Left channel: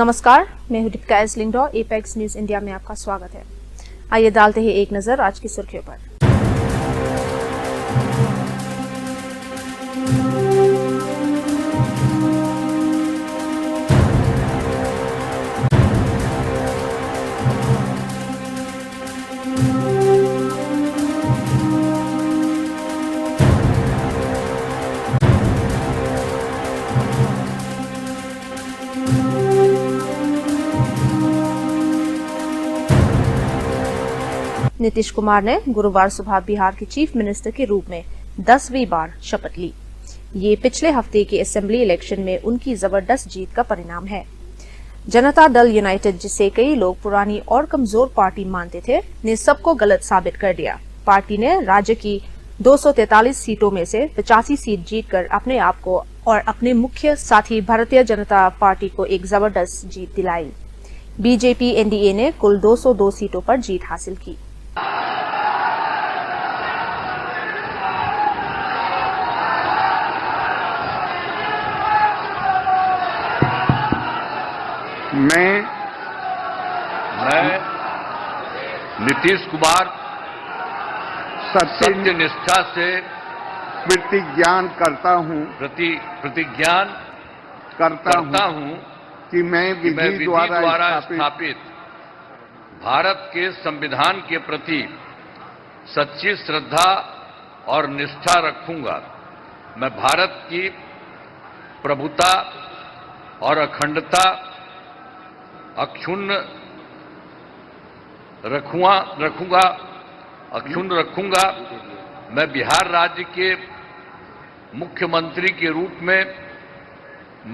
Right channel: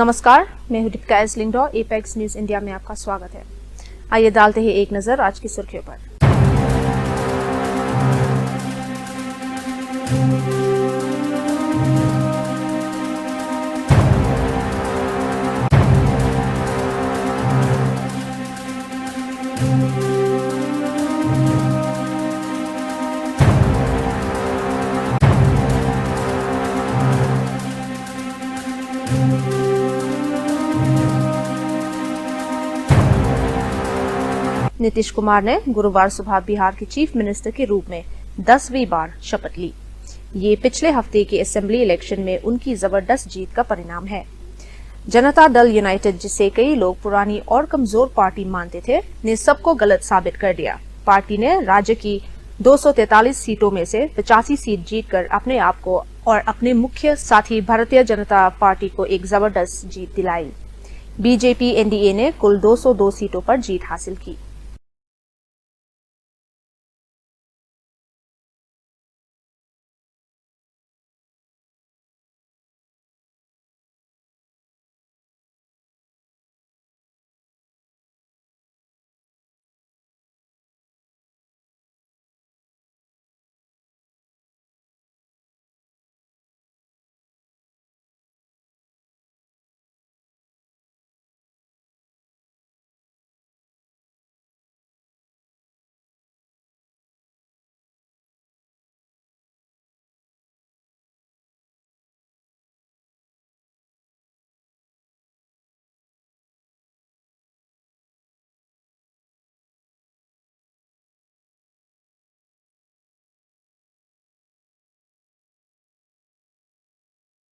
नमस्कार, मैं हूं दीपिका एस लिंगडो। एपेक्स न्यूज इंडिया में आपका स्वागत है। आइए डालते हैं एक नजर आज की सुर्खियों पर। नीतीश कुमार ने गुरुवार सुबह बिहार के चीफ मिनिस्टर के रूप में 10वीं बार शपथ ली। ये पिछले हफ्ते के असेंबली इलेक्शन में उनकी जबरदस्त जीत का परिणाम है। जनता दल यूनाइटेड, जिसे कई लोग पुरानी और कमजोर पार्टी मानते थे, ने सबको गलत साबित कर दिया। पार्टी ने राज्य की 243 सीटों में से 85 सीट जीतकर अपने आप को और अपने मुख्य साथी भारतीय जनता पार्टी को एक जबरदस्त जीत दिलाई। बीजेपी एनडीए ने कुल 202 सीटों पर जीत हासिल की। मैं नीतीश कुमार सत्यनिष्ठा से प्रतिज्ञान करता हूं कि मैं विधि द्वारा स्थापित भारत के संविधान के प्रति सच्ची श्रद्धा और निष्ठा रखूंगा। मैं भारत की प्रभुता और अखंडता अक्षुण्ण रखूंगा। मैं बिहार राज्य के मुख्यमंत्री के रूप में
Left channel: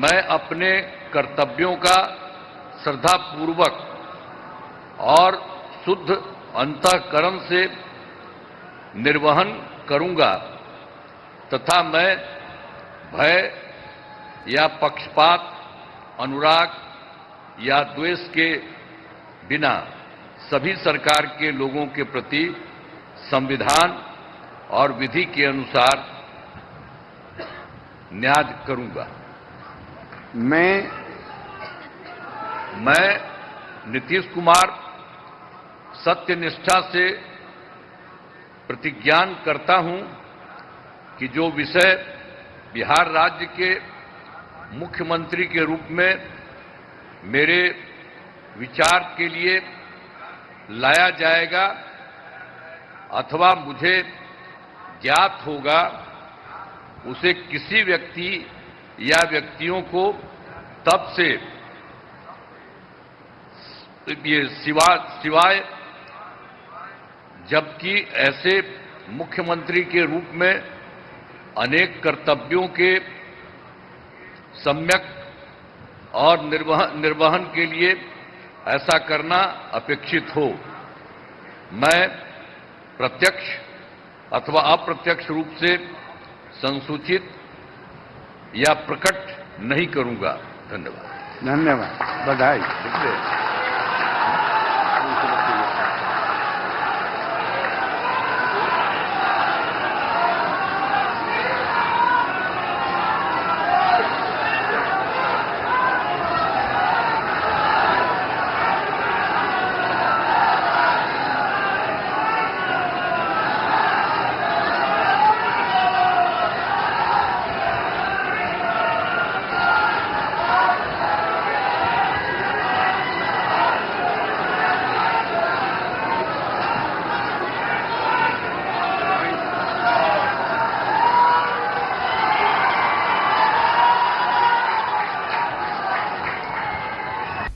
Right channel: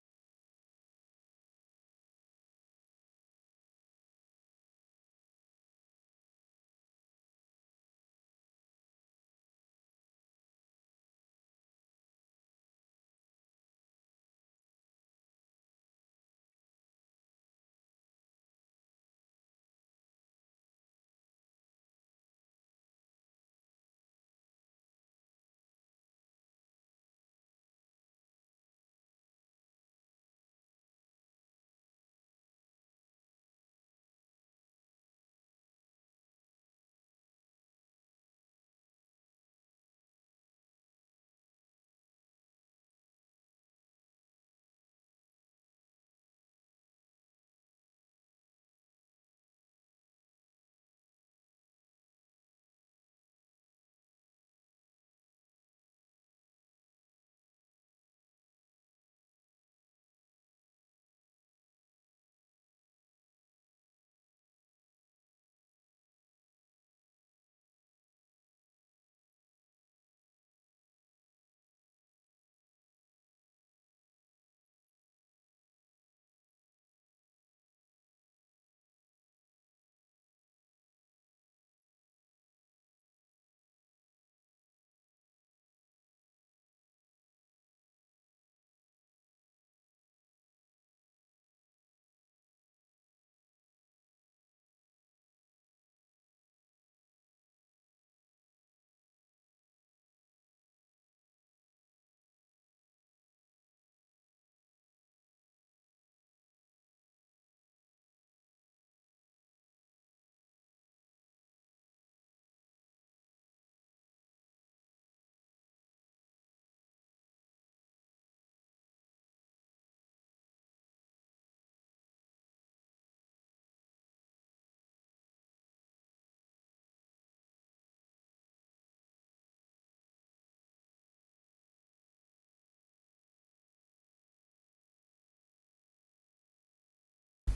मैं अपने कर्तव्यों का श्रद्धापूर्वक और शुद्ध अंतःकरण से निर्वहन करूंगा तथा मैं भय या पक्षपात, अनुराग या द्वेष के बिना सभी सरकार के लोगों के प्रति संविधान और विधि के अनुसार न्याय करूंगा। मैं नीतीश कुमार सत्यनिष्ठा से प्रतिज्ञान करता हूं कि जो विषय बिहार राज्य के मुख्यमंत्री के रूप में मेरे विचार के लिए लाया जाएगा अथवा मुझे ज्ञात होगा, उसे किसी व्यक्ति या व्यक्तियों को तब से सिवाय जबकि ऐसे मुख्यमंत्री के रूप में अनेक कर्तव्यों के सम्यक और निर्वहन के लिए ऐसा करना अपेक्षित हो, मैं प्रत्यक्ष अथवा अप्रत्यक्ष रूप से संसूचित या प्रकट नहीं करूंगा। धन्यवाद। बधाई।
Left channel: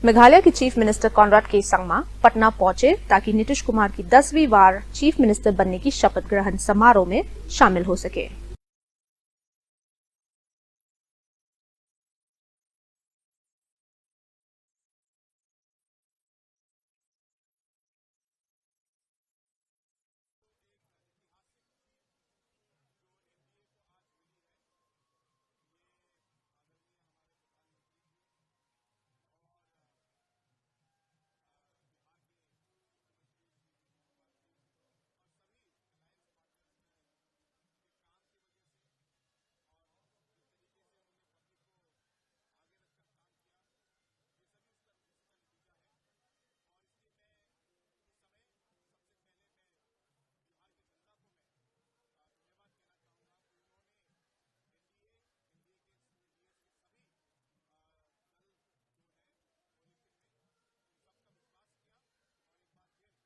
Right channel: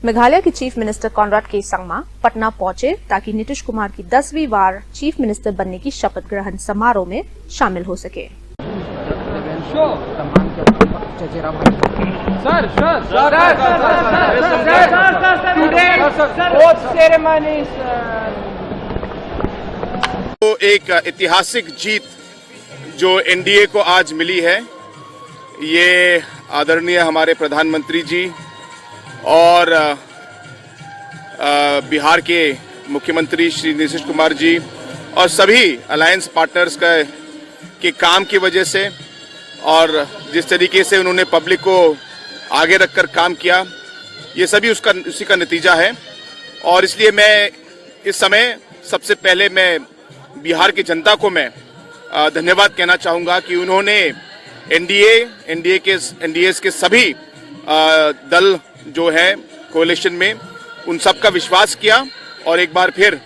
मेघालय के चीफ मिनिस्टर कॉनराड के संगमा पटना पहुंचे ताकि नीतीश कुमार की 10वीं बार चीफ मिनिस्टर बनने की शपथ ग्रहण समारोह में शामिल हो सके। तो एक ऐतिहासिक जीत जो एनडीए को आज मिली है, ये आदरणीय हमारे प्रधानमंत्री जी और बिहार के मुख्यमंत्री श्री नीतीश कुमार जी और सभी अलायंस पार्टनर्स के काम की वजह से और जिस तरीके से उन्होंने पब्लिक को आगे रखकर काम किया, ये सभी उसी का नतीजा है। और इसलिए मैं इस समय सबसे पहले मैं बिहार की जनता को मैं धन्यवाद कहना चाहूँगा कि उन्होंने एनडीए के सभी दल जो है कोalition में उन सब का विश्वास किया और एक बार फिर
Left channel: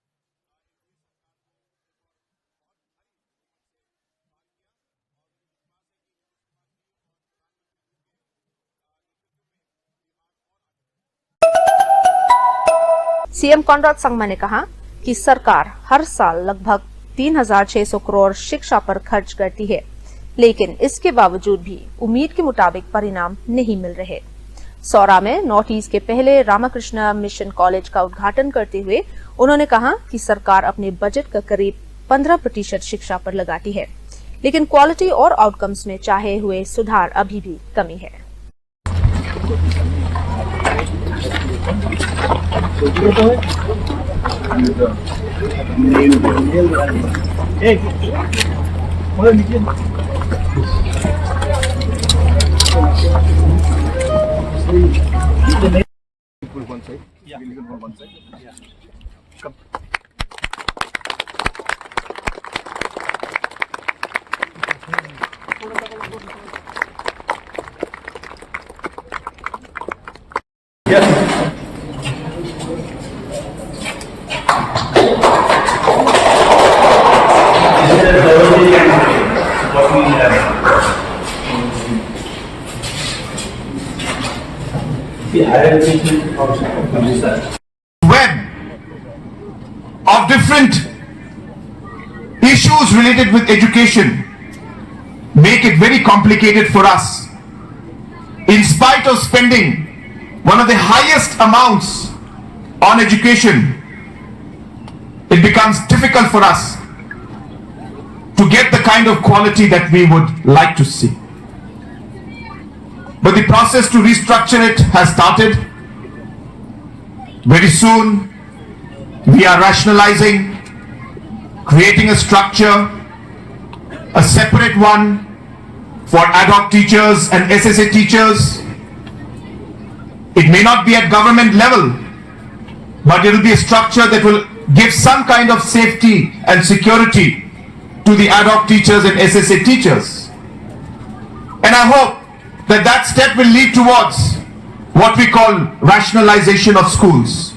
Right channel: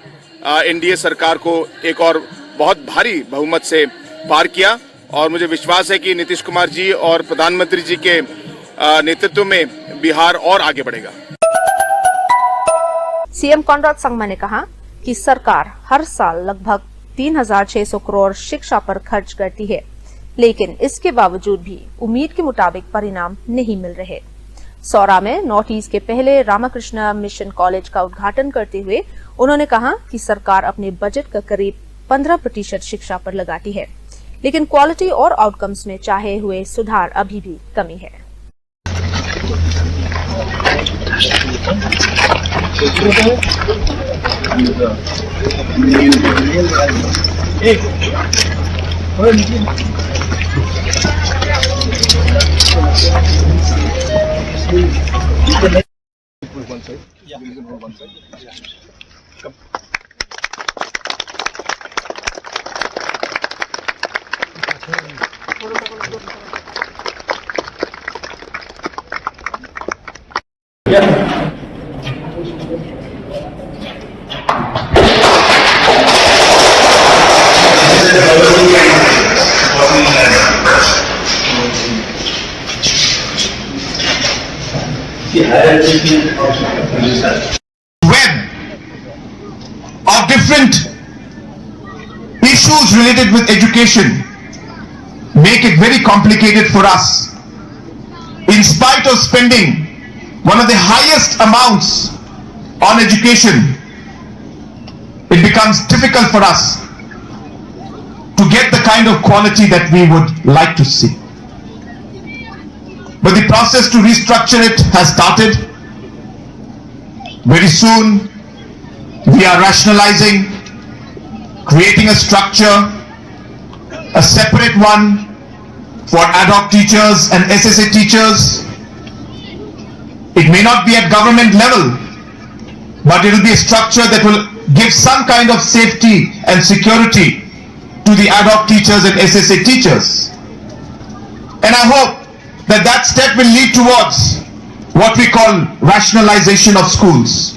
एनडीए सरकार को एक और बहुत भारी बहुमत से पार किया। और मुझे विश्वास है कि नीतीश कुमार जी और प्रधानमंत्री जी के नेतृत्व में बिहार और आगे बढ़ेगा। सीएम कॉनराड संगमा ने कहा कि सरकार हर साल लगभग 3,600 करोड़ शिक्षा पर खर्च करती है, लेकिन इसके बावजूद भी उम्मीद के मुताबिक परिणाम नहीं मिल रहे। सौरा में नॉर्थ ईस्ट के पहले रामकृष्ण मिशन कॉलेज का उद्घाटन करते हुए उन्होंने कहा कि सरकार अपने बजट का करीब 15% शिक्षा पर लगाती है, लेकिन क्वालिटी और आउटकम्स में चाहे हुए सुधार अभी भी कमी है। Web of different issues related with education make it very complicated for us. In spite of spending one of the highest amounts on education, it becomes difficult for us to get the kind of quality that we would like to see. But the process to restructure it has started. Very soon, we are rationalizing, creating a structure, a separate one for ad hoc teachers and SSA teachers. It may not be at government level, but it will be a structure that will give some kind of safety and security to the ad hoc teachers and SSA teachers. And I hope that that step will lead towards what we call rationalization of schools.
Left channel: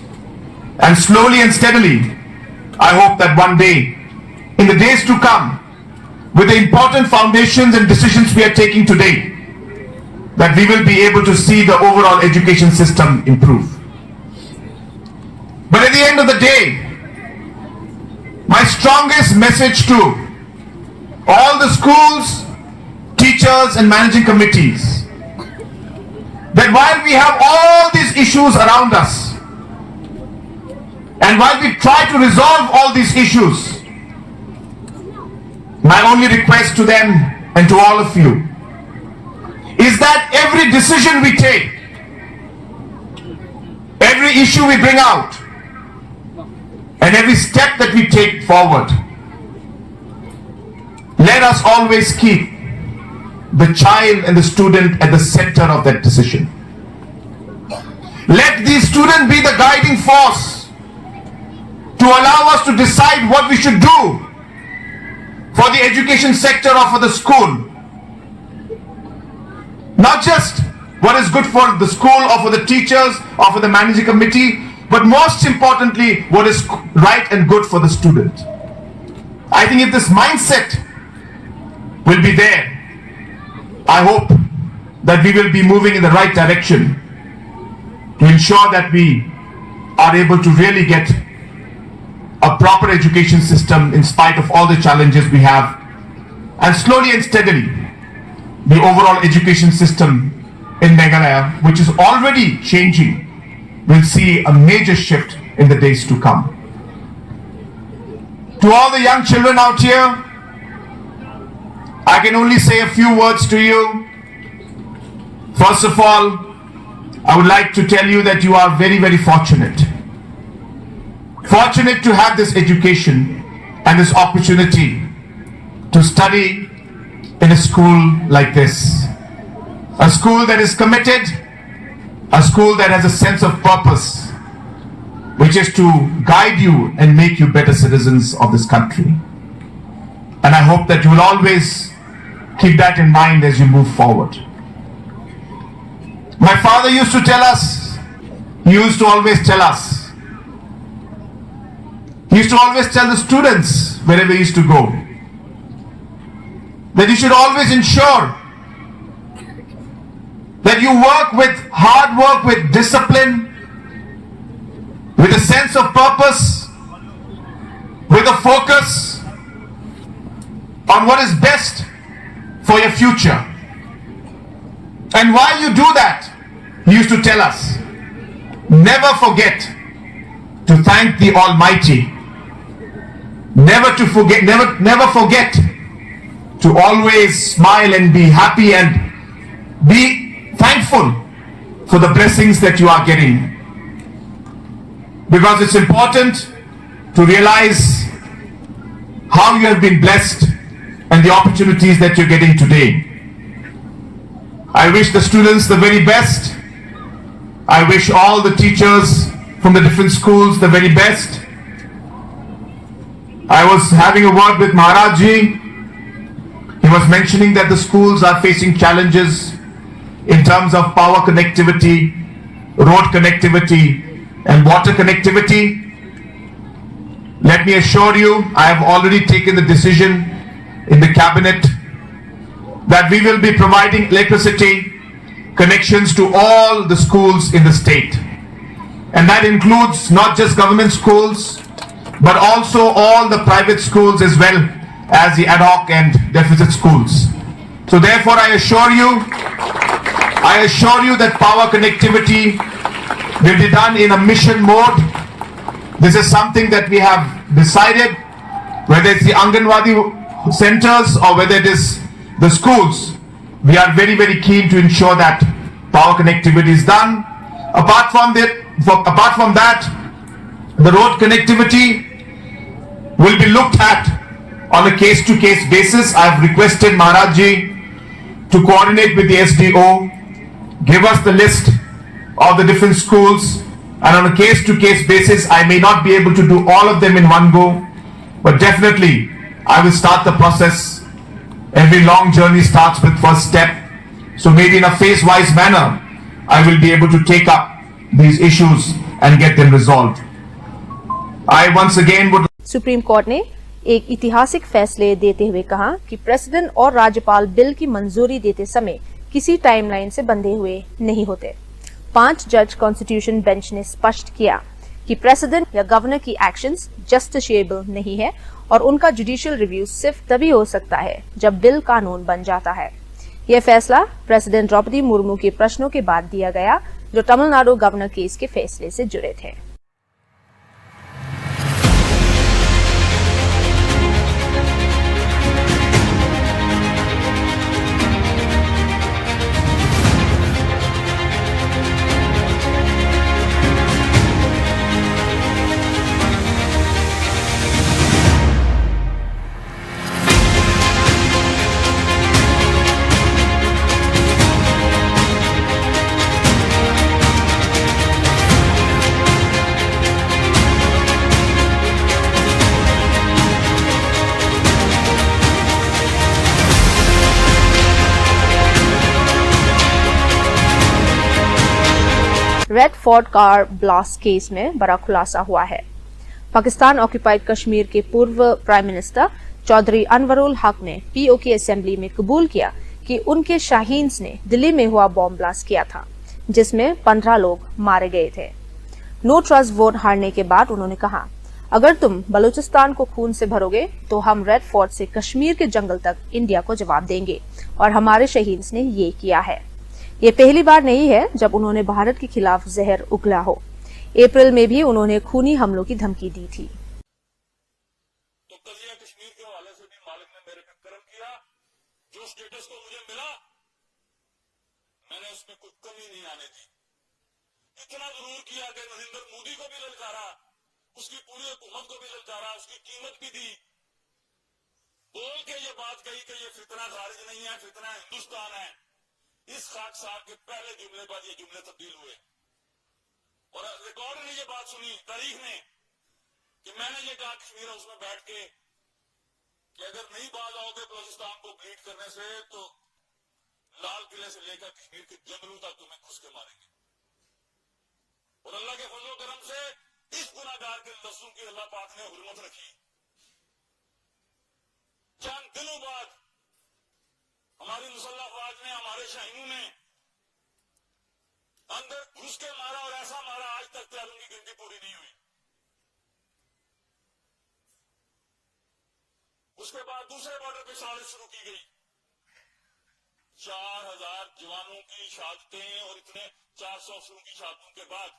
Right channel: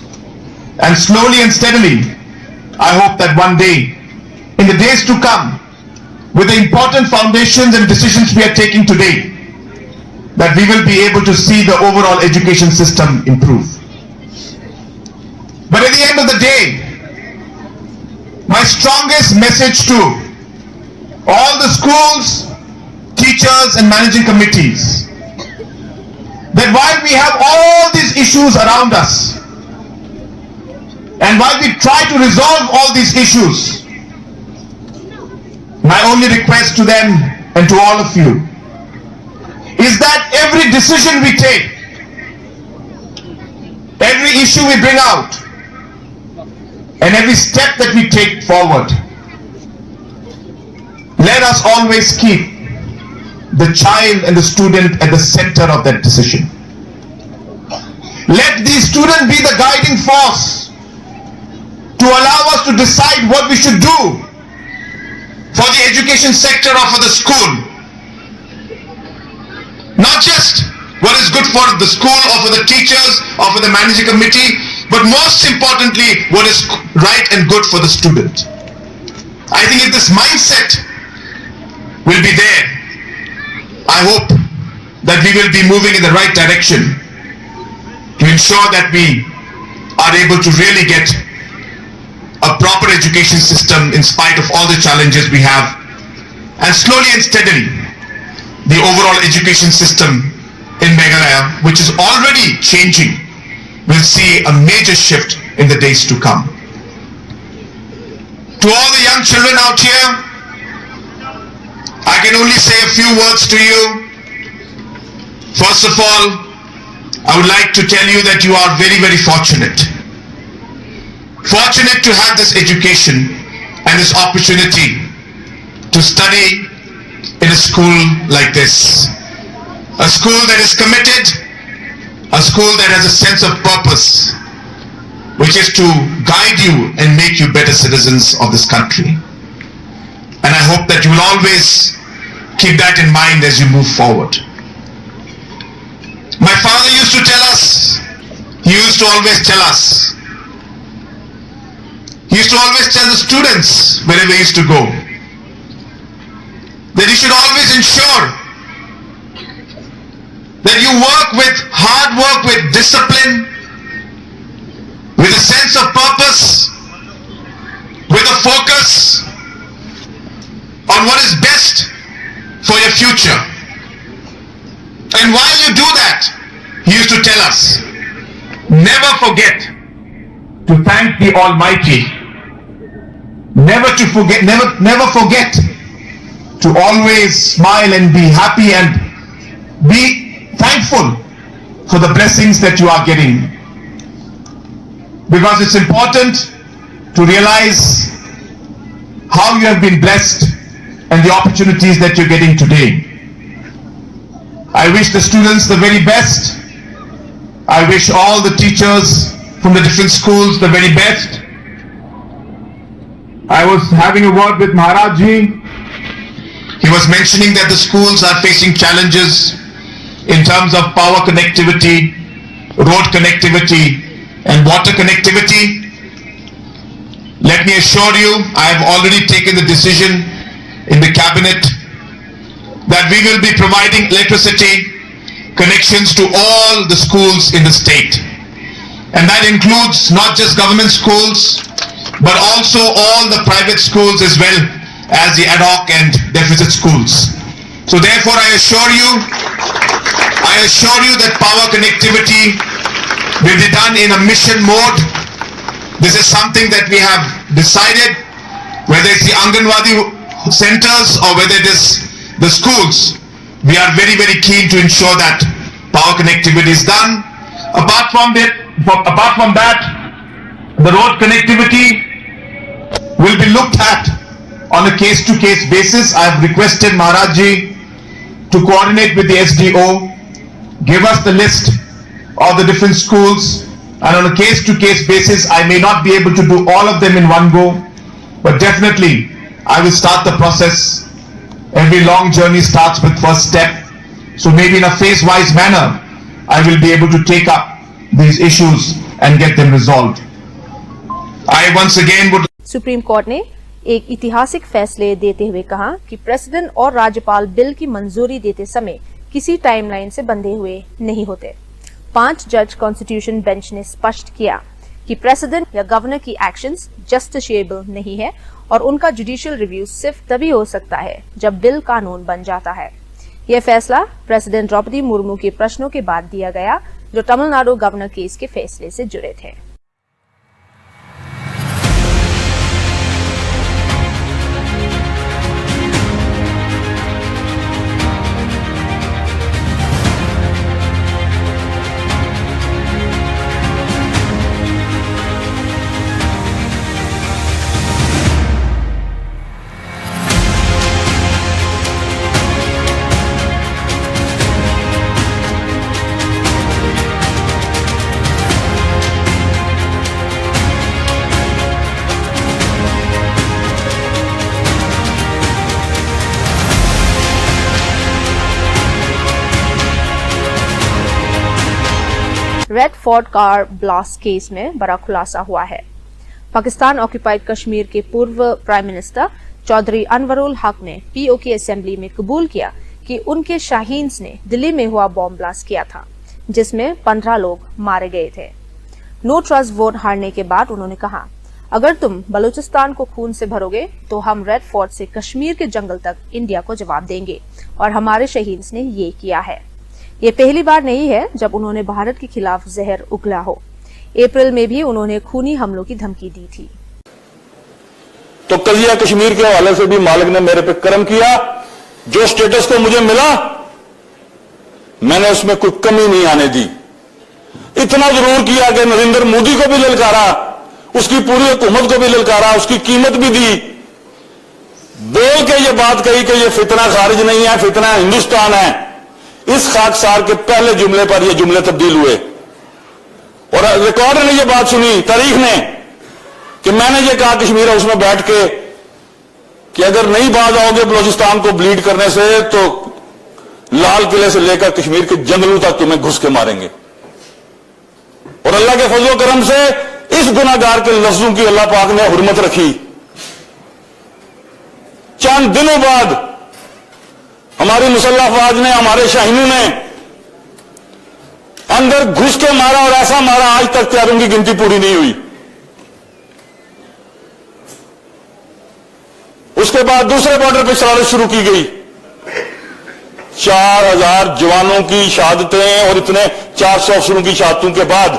And slowly and steadily, I hope that one day, in the days to come, with the important foundations and decisions we are taking today, that we will be able to see the overall education system improve. But at the end of the day, my strongest message to all the schools, teachers and managing committees, that while we have all these issues around us, and while we try to resolve all these issues, my only request to them and to all of you is that every decision we take, every issue we bring out, and every step that we take forward, let us always keep the child and the student at the center of that decision. Let the student be the guiding force to allow us to decide what we should do for the education sector or for the school. Not just what is good for the school or for the teachers or for the managing committee, but most importantly, what is right and good for the student. I think if this mindset will be there, I hope that we will be moving in the right direction to ensure that we are able to really get a proper education system in spite of all the challenges we have. And slowly and steadily, the overall education system in Meghalaya, which is already changing, will see a major shift in the days to come. To all the young children out here, I can only say a few words to you. First of all, I would like to tell you that you are very, very fortunate. Fortunate to have this education and this opportunity to study in a school like this. A school that is committed, a a school that has a sense of purpose, which is to guide you and make you better citizens of this country. And I hope that you will always keep that in mind as you move forward. My father used to tell us, he used to always tell us, he used to always tell the students wherever he used to go, that you should always ensure that you work with hard work, with discipline, with a sense of purpose, with a focus on what is best for your future. And while you do that, he used to tell us, never forget to thank the Almighty. Never forget to always smile and be happy and be thankful for the blessings that you are getting. Because it's important to realize how you have been blessed and the opportunities that you're getting today. I wish the students the very best. I wish all the teachers from the different schools the very best. I was having a word with Maharaj Ji. He was mentioning that the schools are facing challenges in terms of power connectivity, road connectivity, and water connectivity. Let me assure you, I have already taken the decision in the cabinet that we will be providing electricity connections to all the schools in the state. And that includes not just government schools, but also all the private schools as well as the ad hoc and deficit schools. So therefore I assure you that power connectivity will be done in a mission mode. This is something that we have decided, whether it's the Anganwadi centers or whether it is the schools. We are very, very keen to ensure that power connectivity is done. Apart from that, the road connectivity will be looked at on a case-to-case basis. I have requested Maharaj Ji to coordinate with the SDO, give us the list of the different schools, and on a case-to-case basis, I may not be able to do all of them in one go, but definitely I will start the process. Every long journey starts with first step. So maybe in a phase-wise manner, I will be able to take up these issues and get them resolved. I once again would. Supreme court ने एक ऐतिहासिक फैसले देते हुए कहा कि प्रेसिडेंट और राज्यपाल बिल की मंजूरी देते समय किसी टाइमलाइन से बंधे हुए नहीं होते। 5 जज कॉन्स्टिट्यूशन बेंच ने स्पष्ट किया कि प्रेसिडेंट या गवर्नर की एक्शंस जस्टिशिएबल नहीं है और उनका जुडिशियल रिव्यू सिर्फ तभी हो सकता है जब बिल कानून बन जाता है। यह फैसला प्रेसिडेंट द्रौपदी मुर्मू के प्रश्नों के बाद दिया गया, जो तमिलनाडु गवर्नर केस के फैसले से जुड़े थे। Red fort car blast case में बड़ा खुलासा हुआ है। पाकिस्तान ऑक्यूपाइड कश्मीर के पूर्व प्राइम मिनिस्टर चौधरी अनवरुल हक ने पीओके असेंबली में कबूल किया कि उनके शाहीन्स ने दिल्ली में हुआ बॉम्ब ब्लास्ट किया था, जिसमें 15 लोग मारे गए थे। नो ट्रस्ट वोट हारने के बाद उन्होंने कहा, अगर तुम बलूचिस्तान को खून से भरोगे तो हम रेड फोर्ट से कश्मीर के जंगल तक इंडिया को जवाब देंगे, और हमारे शहीन्स ने ये किया है। ये पहली बार नहीं है जब उन्होंने भारत के खिलाफ जहर उगला हो। अप्रैल में भी उन्होंने खूनी हमलों की धमकी दी थी। तो कजिया कश्मीर के हवाले से भी मालिक ने मेरे पे कर्म किया। जो स्टेटस को मुझे मिला, मैंने उसमें कोई कमी नहीं आने दी। इतना जरूर किया कि नरेंद्र मोदी को भी ललकारा, उसकी पूरी हुकूमत को भी ललकारा, उसकी कीमत भी दी। बोल के ये बात कही कि ये फितना खारिज नहीं है, फितना हिंदुस्तान है। इस खाकसार के पहले जुमले पर ये जुमले तब्दील हुए और रिकॉर्ड ने ये बात सुनी, तारीख ने, कि मैंने ये कहा कश्मीर हाउस में बैठ के कि अगर नहीं बाज आओगे बलूचिस्तान को ब्लीड करने से तो लाल किले से लेकर कश्मीर के जंगलों तक तुम्हें घुस के मारेंगे। और अल्लाह के फजल करम से इस गुनाहगार के लफ्जों की अल्लाह पाक ने हुर्मत रखी। चंद दिनों बाद हमारी मुसल्लह अफवाज ने, हमारे शाहीनों ने अंदर घुस के मारा और ऐसा मारा आज तक तैयारों की गिनती पूरी नहीं हुई। उसके बाद दूसरे बॉर्डर पर शरारत शुरू की गई। 4000 जवानों की शहादतें और इतने 400 अफसरों की शहादतों के बाद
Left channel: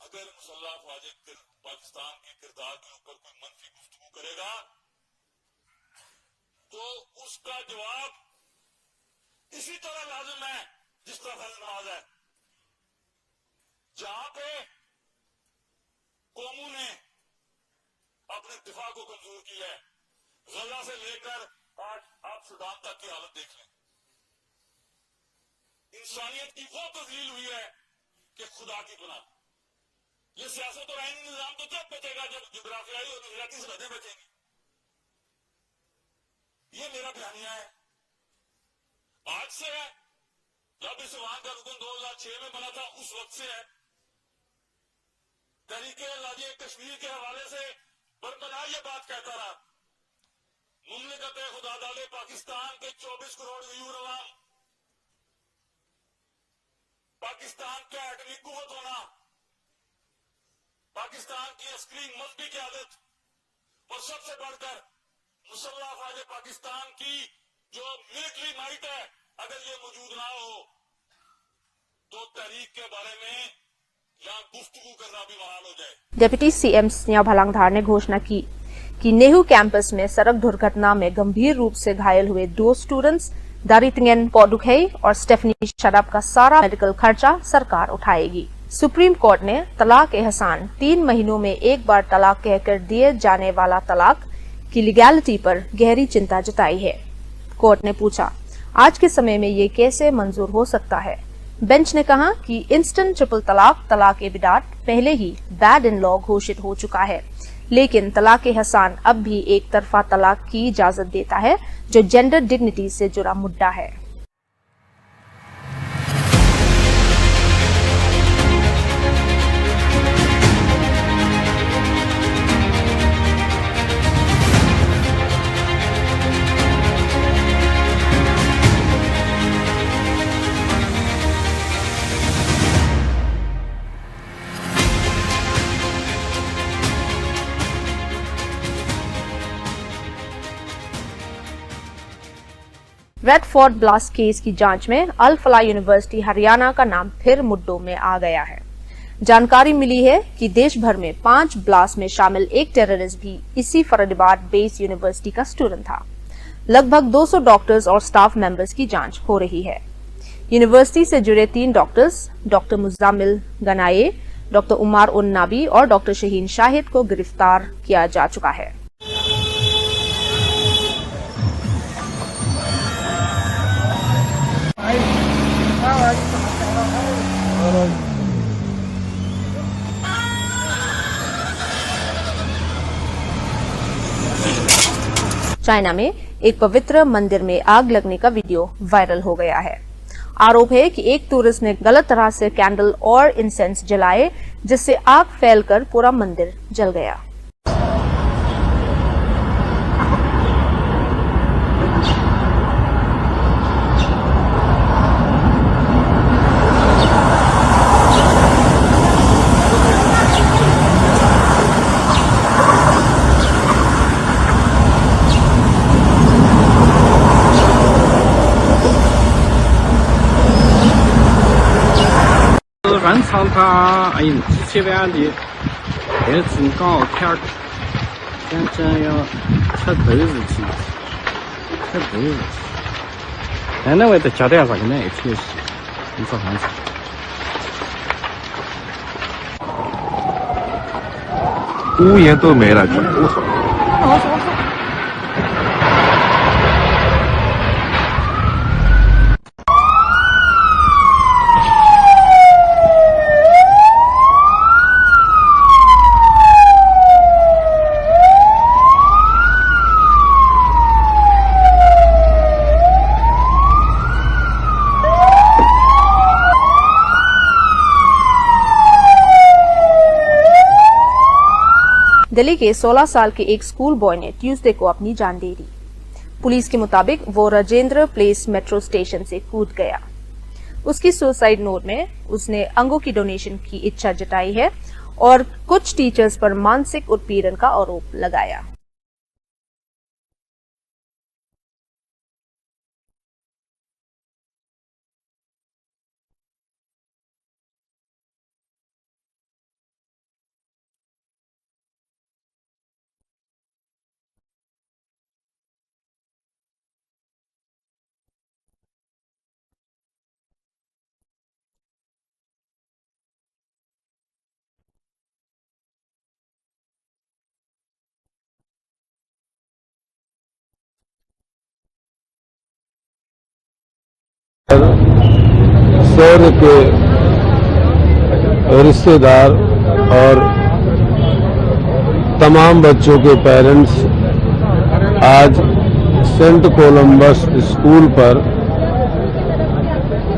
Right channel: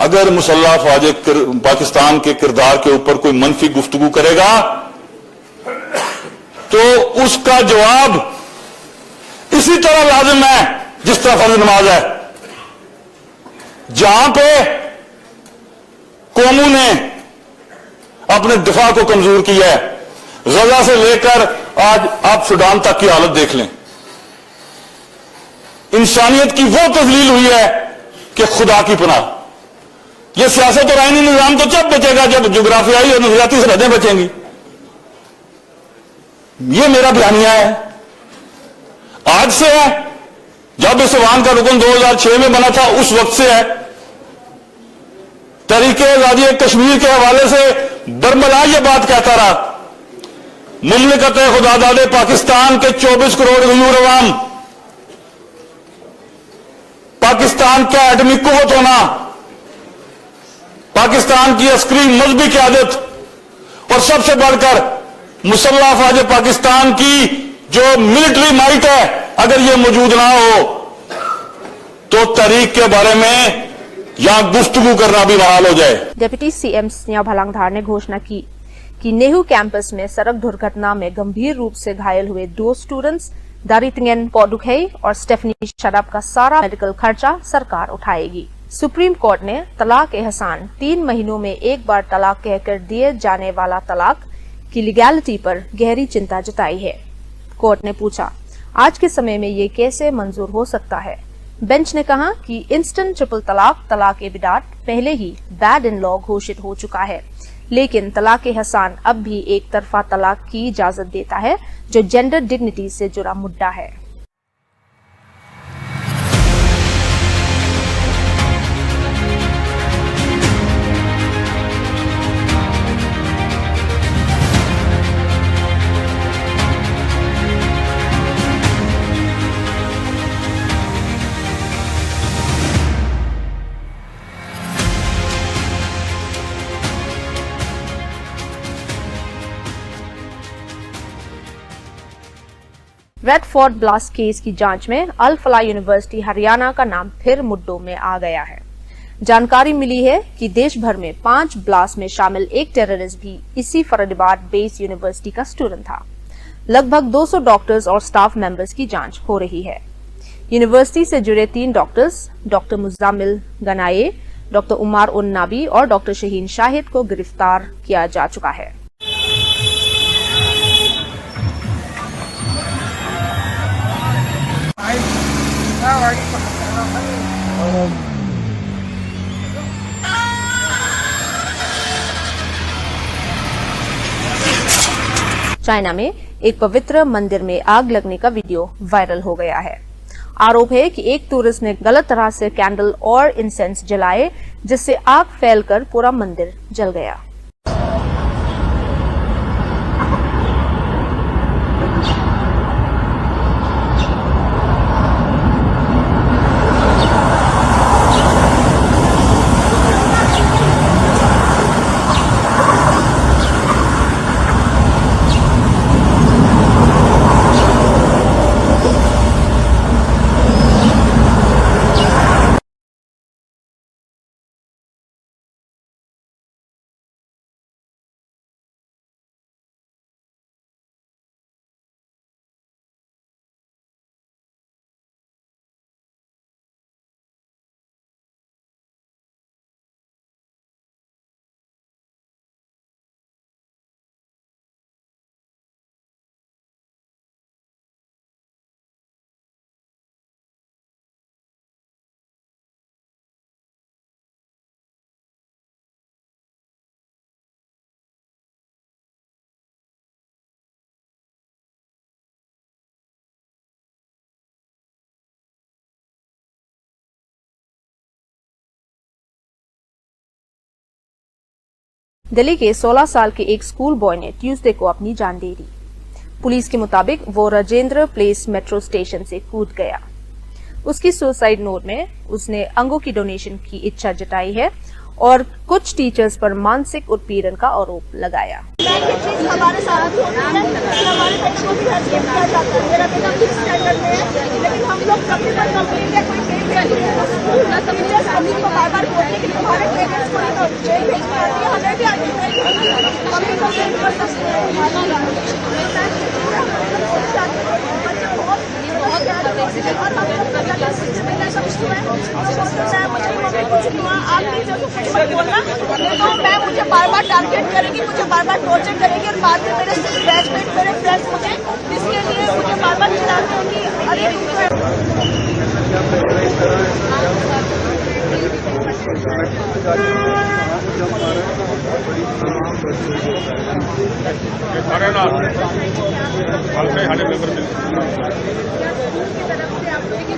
अगर मुसल्लह अफवाज पाकिस्तान के किरदार के ऊपर कोई मनफी गुफ्तगू करेगा तो उसका जवाब इसी तरह लाजिम है जिस तरह फर्ज नमाज है। जहां पे कौमों ने अपने दिफा को कमजोर किया है, गजा से लेकर आज आप सूडान तक की हालत देख लें, इंसानियत की वो तजलील हुई है कि खुदा की पनाह। यह सियासत और आईनी निजाम तो जब बचेगा जब जोग्राफियाई और नजरियाती सरहदें बचेंगी। यह मेरा बयानिया है, आज से है, जब इस ऐवान का रुकन 2006 में बना था उस वक्त से है। तहरीके आजादी कश्मीर के हवाले से बरमला यह बात कहता रहा, मुमलिकत खुदादाद पाकिस्तान के 24 करोड़ गयूर अवाम, पाकिस्तान का एटमी कुव्वत होना, पाकिस्तान की अस्करी मजहबी क़यादत और सबसे बढ़कर मुसल्लह अफवाज पाकिस्तान की जो मिलिट्री माइट है, अगर यह मौजूद ना हो तो तहरीक के बारे में यहां गुफ्तगू करना भी बहाल हो जाए। डिप्टी सीएम स्नेहा भलांगधार ने घोषणा की कि नेहरू कैंपस में सड़क दुर्घटना में गंभीर रूप से घायल हुए 2 स्टूडेंट्स दारितिंगन पॉडुखेई और स्टेफनी शराब का सारा मेडिकल खर्चा सरकार उठाएगी। सुप्रीम कोर्ट ने तलाक एहसान 3 महीनों में एक बार तलाक कहकर दिए जाने वाला तलाक की लीगैलिटी पर गहरी चिंता जताई है। कोर्ट ने पूछा, आज के समय में ये कैसे मंजूर हो सकता है? बेंच ने कहा कि इंस्टेंट ट्रिपल तलाक, तलाक ए बिदात पहले ही बैड इन लॉ घोषित हो चुका है, लेकिन तलाक एहसान अब भी एक तरफा तलाक की इजाजत देता है जो जेंडर डिग्निटी से जुड़ा मुद्दा है। रेड फोर्ट ब्लास्ट केस की जांच में अल फलाह यूनिवर्सिटी हरियाणा का नाम फिर मुद्दों में आ गया है। जानकारी मिली है कि देश भर में 5 ब्लास्ट में शामिल एक टेररिस्ट भी इसी फरीदाबाद बेस्ड यूनिवर्सिटी का स्टूडेंट था। लगभग 200 डॉक्टर्स और स्टाफ मेंबर्स की जांच हो रही है। यूनिवर्सिटी से जुड़े 3 डॉक्टर्स, डॉक्टर मुजामिल गनाये, डॉक्टर उमार उन नाबी और डॉक्टर शहीन शाहिद को गिरफ्तार किया जा चुका है। चाइना में एक पवित्र मंदिर में आग लगने का वीडियो वायरल हो गया है। आरोप है कि एक टूरिस्ट ने गलत तरह से कैंडल और इंसेंस जलाए, जिससे आग फैलकर पूरा मंदिर जल गया।7万里，也真高天儿，真要吃豆子去，吃豆子。现在我得加点啥个奶铁西，你说还是？屋檐都没了，全部烧。दिल्ली के 16 साल के एक स्कूल बॉय ने ट्यूसडे को अपनी जान दे दी। पुलिस के मुताबिक वो राजेंद्र प्लेस मेट्रो स्टेशन से कूद गया। उसकी सुसाइड नोट में उसने अंगों की डोनेशन की इच्छा जताई है और कुछ टीचर्स पर मानसिक उत्पीड़न का आरोप लगाया। हमारे साथ होती है कि हमारे बेटे को भी हेल्प किया जाता है। मेरा बेटा फिफ्थ स्टैंडर्ड में है, लेकिन हम लोग सबके पर कंप्लेंट है, कोई टीचर्स अभी को बार-बार बोलते कि तुम्हारे पेरेंट्स को तो जेल भेजना है, हमें भी आगे हम भी कंप्लेंट कर सकते हैं। और हम लोग आप टीचर को कुछ मत बोलना, तो मैं मुझे बार-बार टारगेट करेगी, मुझे बार-बार टॉर्चर करेगी और बाद में मेरे बैचमेट मेरे फ्रेंड्स मुझे इसके लिए मुझे बार-बार चिल्लाते हैं कि सौर्य के रिश्तेदार और तमाम बच्चों के पेरेंट्स आज सेंट कोलंबस स्कूल पर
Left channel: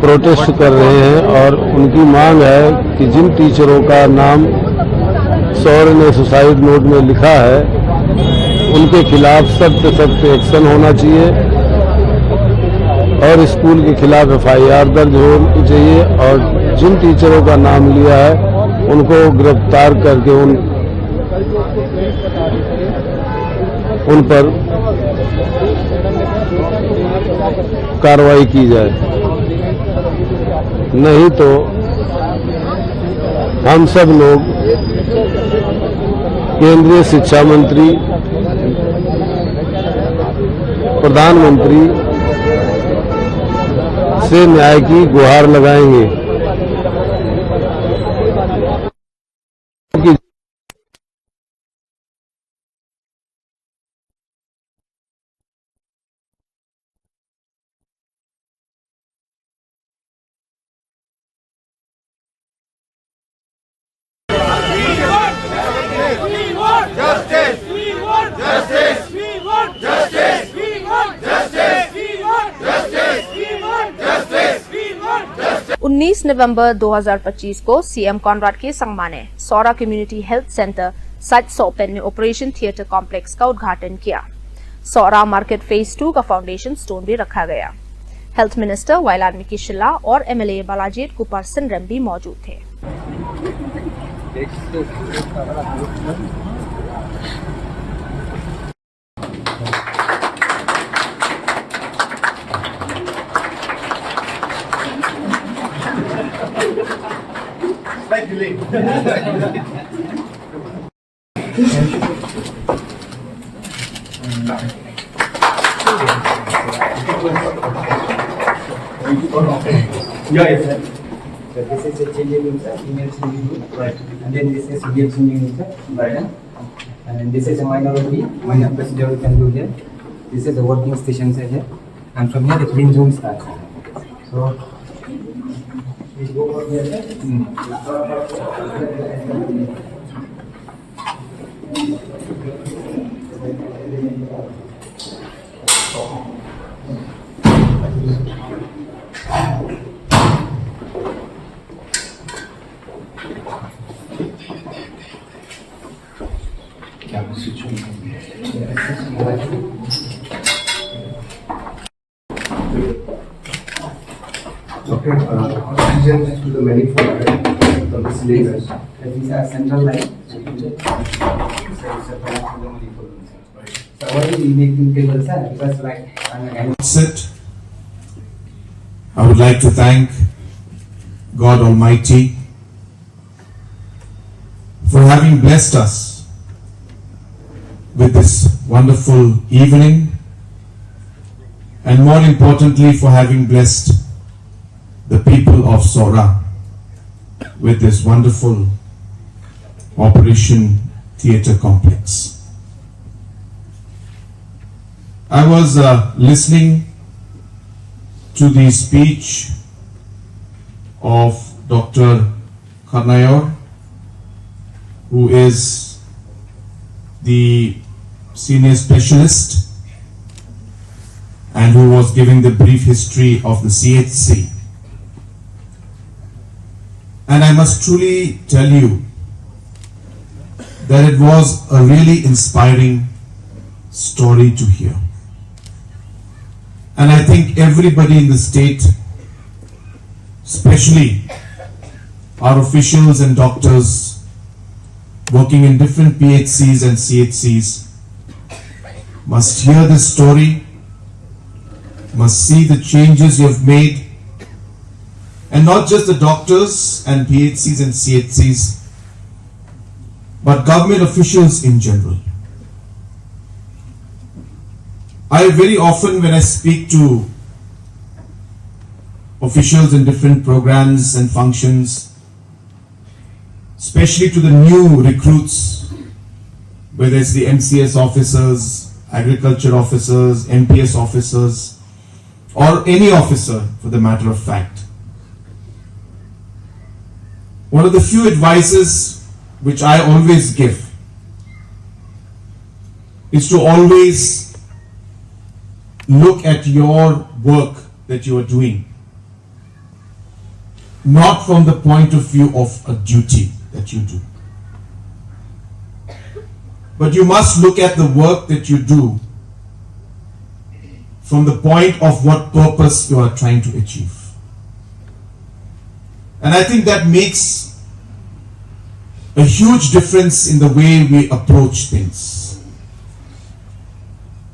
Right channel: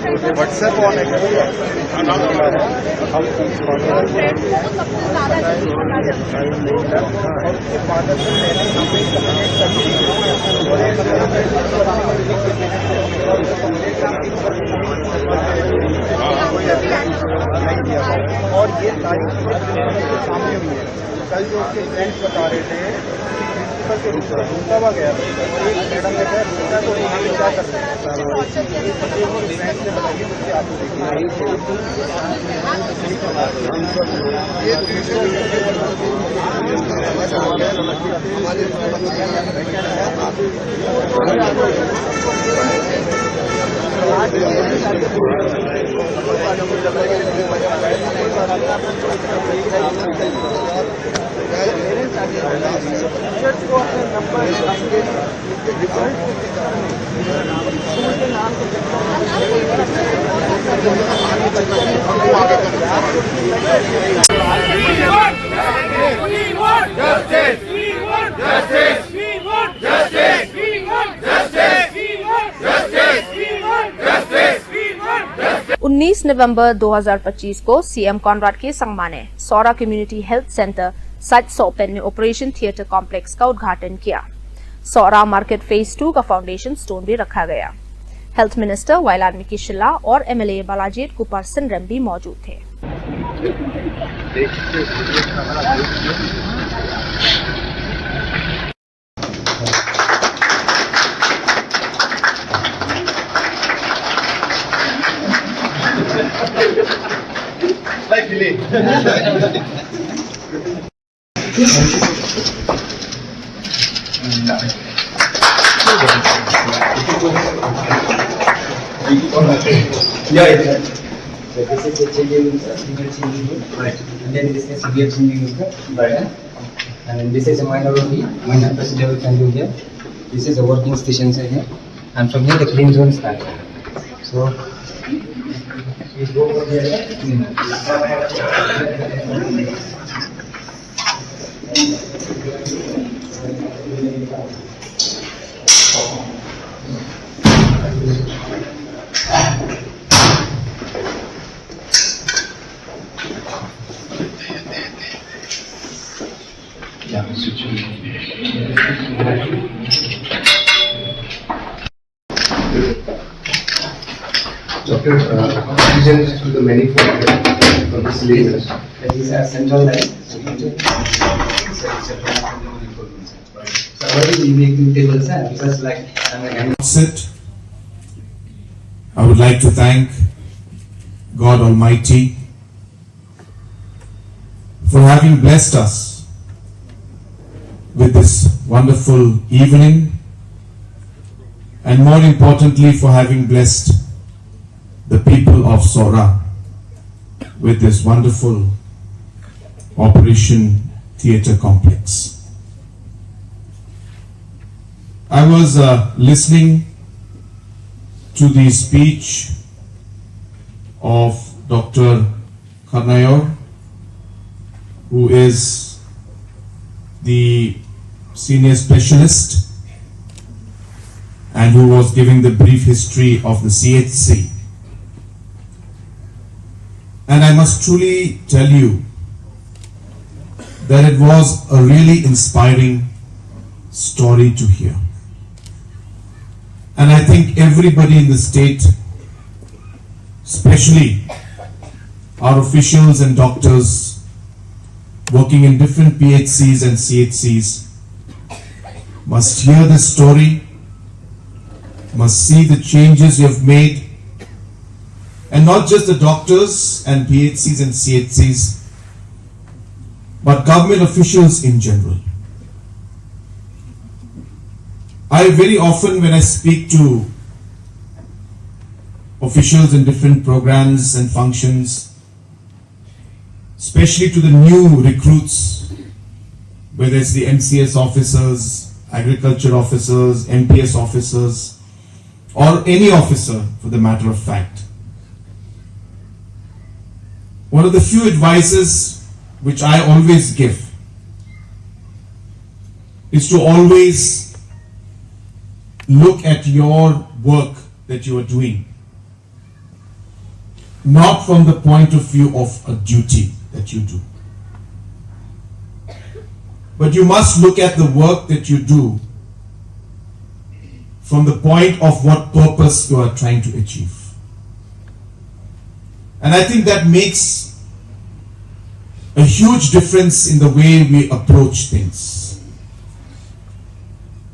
प्रोटेस्ट कर रहे हैं और उनकी मांग है कि जिन टीचरों का नाम सौर्य ने सुसाइड नोट में लिखा है उनके खिलाफ सख्त एक्शन होना चाहिए और स्कूल के खिलाफ FIR दर्ज होनी चाहिए और जिन टीचरों का नाम लिया है उनको गिरफ्तार करके उन पर कार्रवाई की जाए, नहीं तो हम सब लोग केंद्रीय शिक्षा मंत्री, प्रधानमंत्री से न्याय की गुहार लगाएंगे। Justice! 19 नवंबर 2025 को सीएम कॉनराड के संगमा ने सौरा कम्युनिटी हेल्थ सेंटर सच सोपेन में ऑपरेशन थिएटर कॉम्प्लेक्स का उद्घाटन किया। सौरा मार्केट फेज 2 का फाउंडेशन स्टोन भी रखा गया। हेल्थ मिनिस्टर वायलाडमिकी शिला और MLA बालाजीत कुमार सिंरम भी मौजूद थे। So this is the changing room, sir, female changing room. Right. And then this is severe changing room, sir. Right. And then this is a minor only. Minor procedure we can do here. This is a working station, sir, here. And from here the clean zone starts. So we go over there. Doctor, oxygen through the manifold for this laser. These are central line. So you take so what is making tables, sir? Because like Sit. I would like to thank God Almighty for having blessed us with this wonderful evening, and more importantly for having blessed the people of Sora with this wonderful Operation Theatre Complex. I was listening to the speech of Dr. Karnayor, who is the senior specialist and who was giving the brief history of the CHC. And I must truly tell you that it was a really inspiring story to hear. And I think everybody in the state, especially our officials and doctors working in different PHCs and CHCs, must hear this story, must see the changes you have made, and not just the doctors and PHCs and CHCs, but government officials in general. I very often, when I speak to officials in different programs and functions, especially to the new recruits, whether it's the MCS officers, agriculture officers, MPS officers, or any officer for the matter of fact, one of the few advices which I always give is to always look at your work that you are doing not from the point of view of a duty that you do, but you must look at the work that you do from the point of what purpose you are trying to achieve. And I think that makes a huge difference in the way we approach things.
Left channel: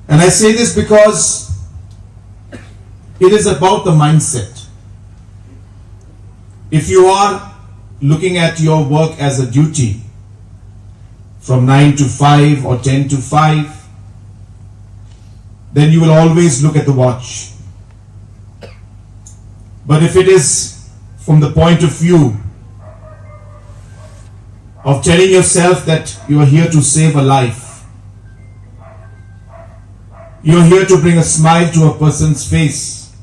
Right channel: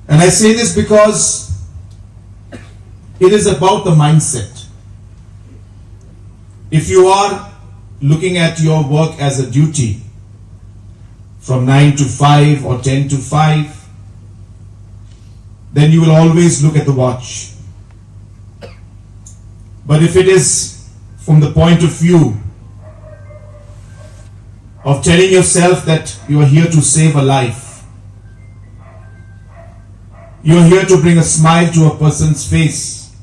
And I say this because it is about the mindset. If you are looking at your work as a duty from 9 to 5 or 10 to 5, then you will always look at the watch. But if it is from the point of view of telling yourself that you are here to save a life, you are here to bring a smile to a person's face,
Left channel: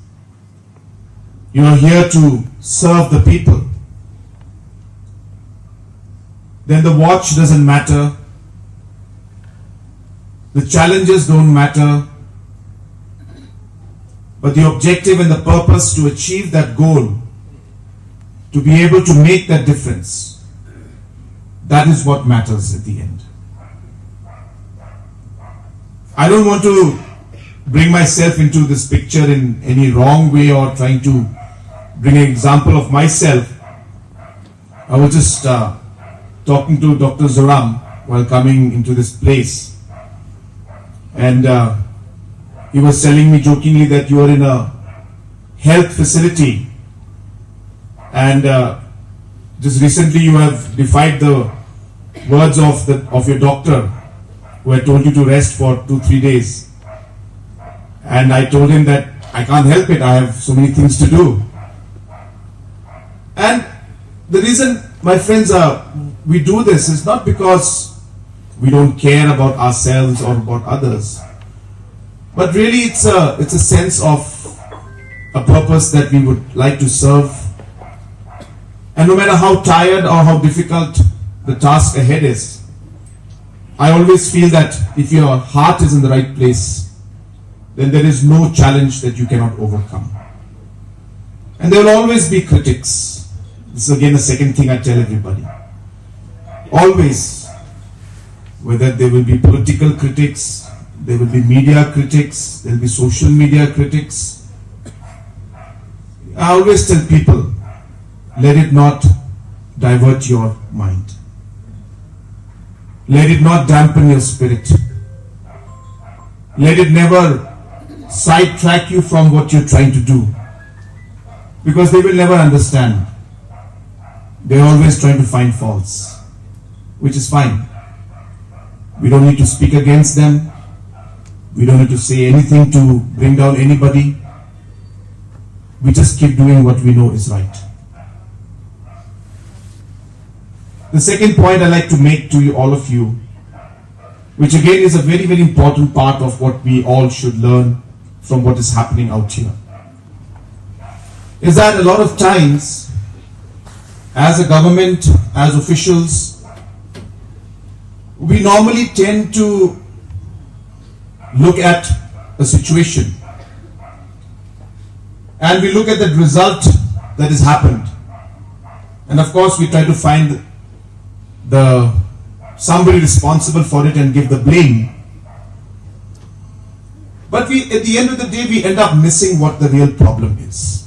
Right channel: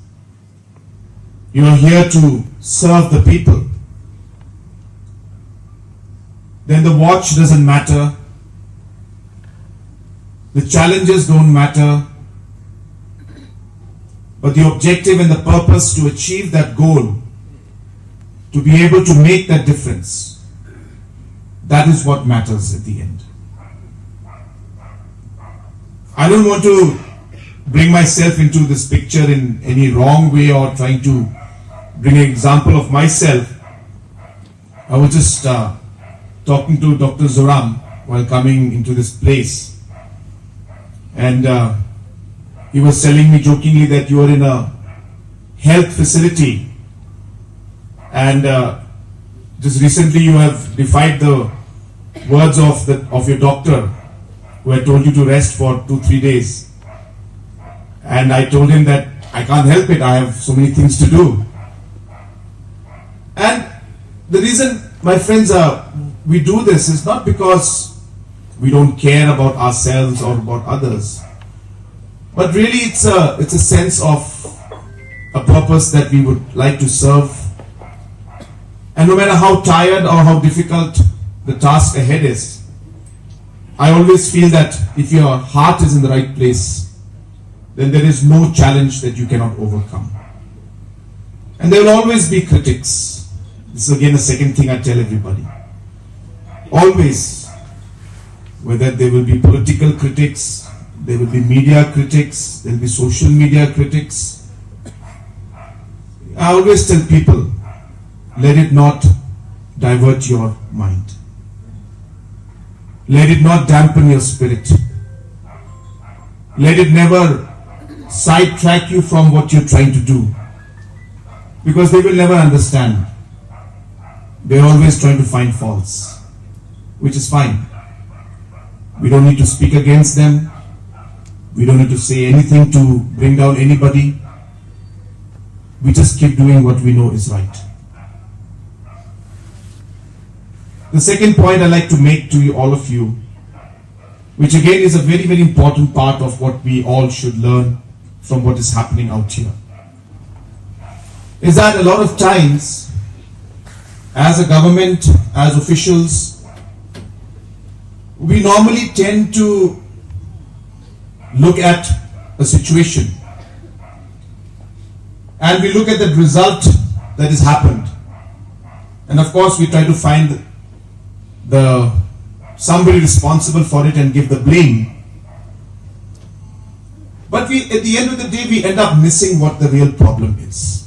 you are here to serve the people, then the watch doesn't matter, the challenges don't matter, but the objective and the purpose to achieve that goal, to be able to make that difference, that is what matters at the end. I don't want to bring myself into this picture in any wrong way or trying to bring an example of myself. I was just talking to Dr. Zoram while coming into this place, and he was telling me jokingly that you are in a health facility, and just recently you have defied the words of your doctor who had told you to rest for 2-3 days. And I told him that I can't help it, I have so many things to do. And the reason, my friends, we do this is not because we don't care about ourselves or about others, but really it's a sense of a purpose that we would like to serve. And no matter how tired or how difficult the task ahead is, I always feel that if your heart is in the right place, then there is no challenge that you cannot overcome. And there will always be critics. This is again the second thing I tell everybody. Always, whether there will be political critics, there will be media critics, there will be social media critics. I always tell people, let it not divert your mind. Let it not dampen your spirit. Let it never sidetrack you from what you're trying to do, because they will never understand. They're always trying to find faults, which is fine. We don't need to speak against them. We don't need to say anything to bring down anybody. We just keep doing what we know is right. The second point I'd like to make to all of you, which again is a very, very important part of what we all should learn from what is happening out here, is that a lot of times, as a government, as officials, we normally tend to look at a situation and we look at the result that has happened, and of course we try to find the somebody responsible for it and give the blame. But at the end of the day, we end up missing what the real problem is.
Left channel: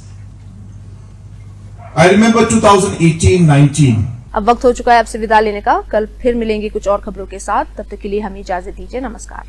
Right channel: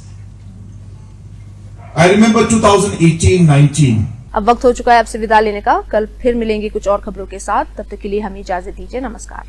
I remember 2018-19. अब वक्त हो चुका है आपसे विदा लेने का। कल फिर मिलेंगे कुछ और खबरों के साथ। तब तक के लिए हमें इजाजत दीजिए। नमस्कार।